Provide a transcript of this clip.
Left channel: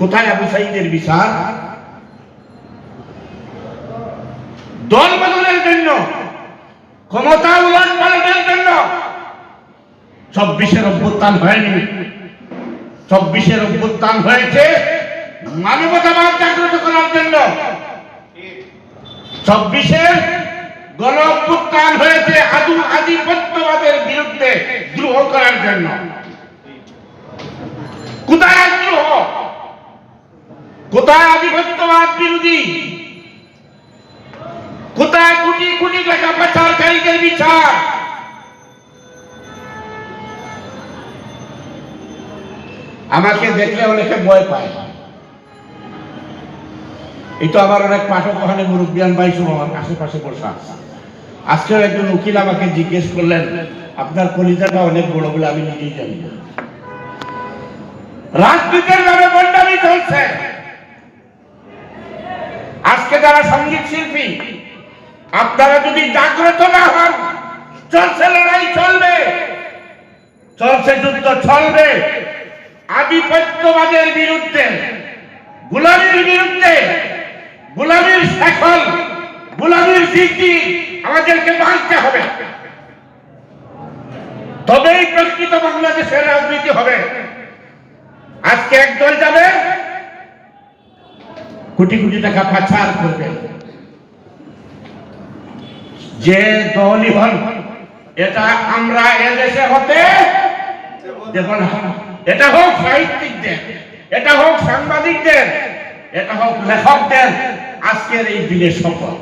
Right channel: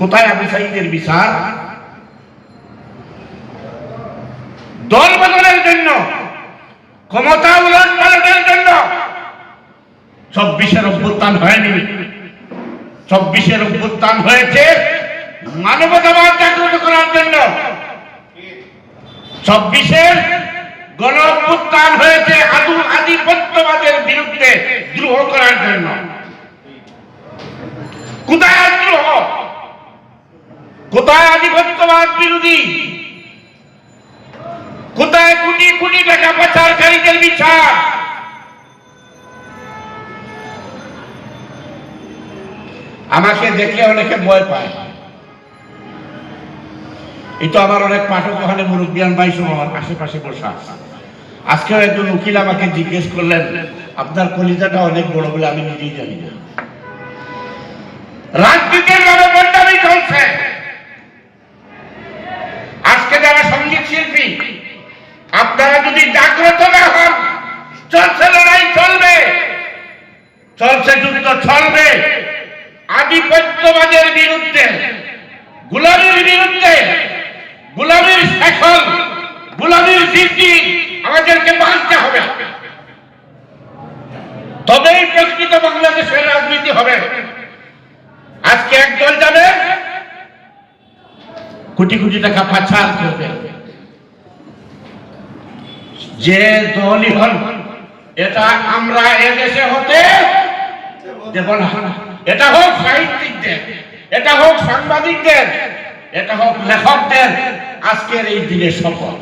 কোথায় আবু সাঈদের বিচার? দল বদলের জন্য, ক্ষমতা উলট পালটের জন্য 24-এর অভ্যুত্থান হয়নি। 24-এর অভ্যুত্থান হয়েছে মানবতাবাদ জাগ্রত করার জন্য। 24-এর গণ অভ্যুত্থান হয়েছে আধিপত্যবাদের বিরুদ্ধে দ্রোহ করার জন্য। কোথায় দ্রোহ? কোথায় আধিপত্যবাদ বিরোধী? কোথায় কোটি কোটি টাকা পাচারকারীদের বিচার? আমাকে দেখলে অনেকে ভয় পায়। এই তো আমার অনেক পাঠক ওখানে মুরব্বিয়ান ভাই সব আমার আশেপাশে বসা। আজকেও একজন উকিল আমাকে জিজ্ঞেস করলেন, আপনার কলিজাটা অনেক বড় বলে আমি নিজেই জানি না। রাজনীতির নামে বন্ডামি চলছে। আজকে যারা সঙ্গীত শিল্পী, আপনারা যদি জাগ্রত না হন, চলছে লড়াই, চলবে, চলছে যুদ্ধ, চলবে আধিপত্যবাদের বিরুদ্ধে, গোলামীর বিরুদ্ধে। গোলামীর শেকল, গোলামীর ভিত্তি আমাদেরকে বাঁধতে হবে, তবেই প্রকৃত বাংলাদেশের রাজনীতি হবে। আজকে একদল যাবে কোটি কোটি টাকা পাচার করবে, যে দলই হন, এটা আমরা এদেশে হতে দেব না। এটা হোক সাহিত্যিকদের, এটা হোক সাংবাদিকদের, এটা হোক লেখকদের আজকের এই দিনের শপথ।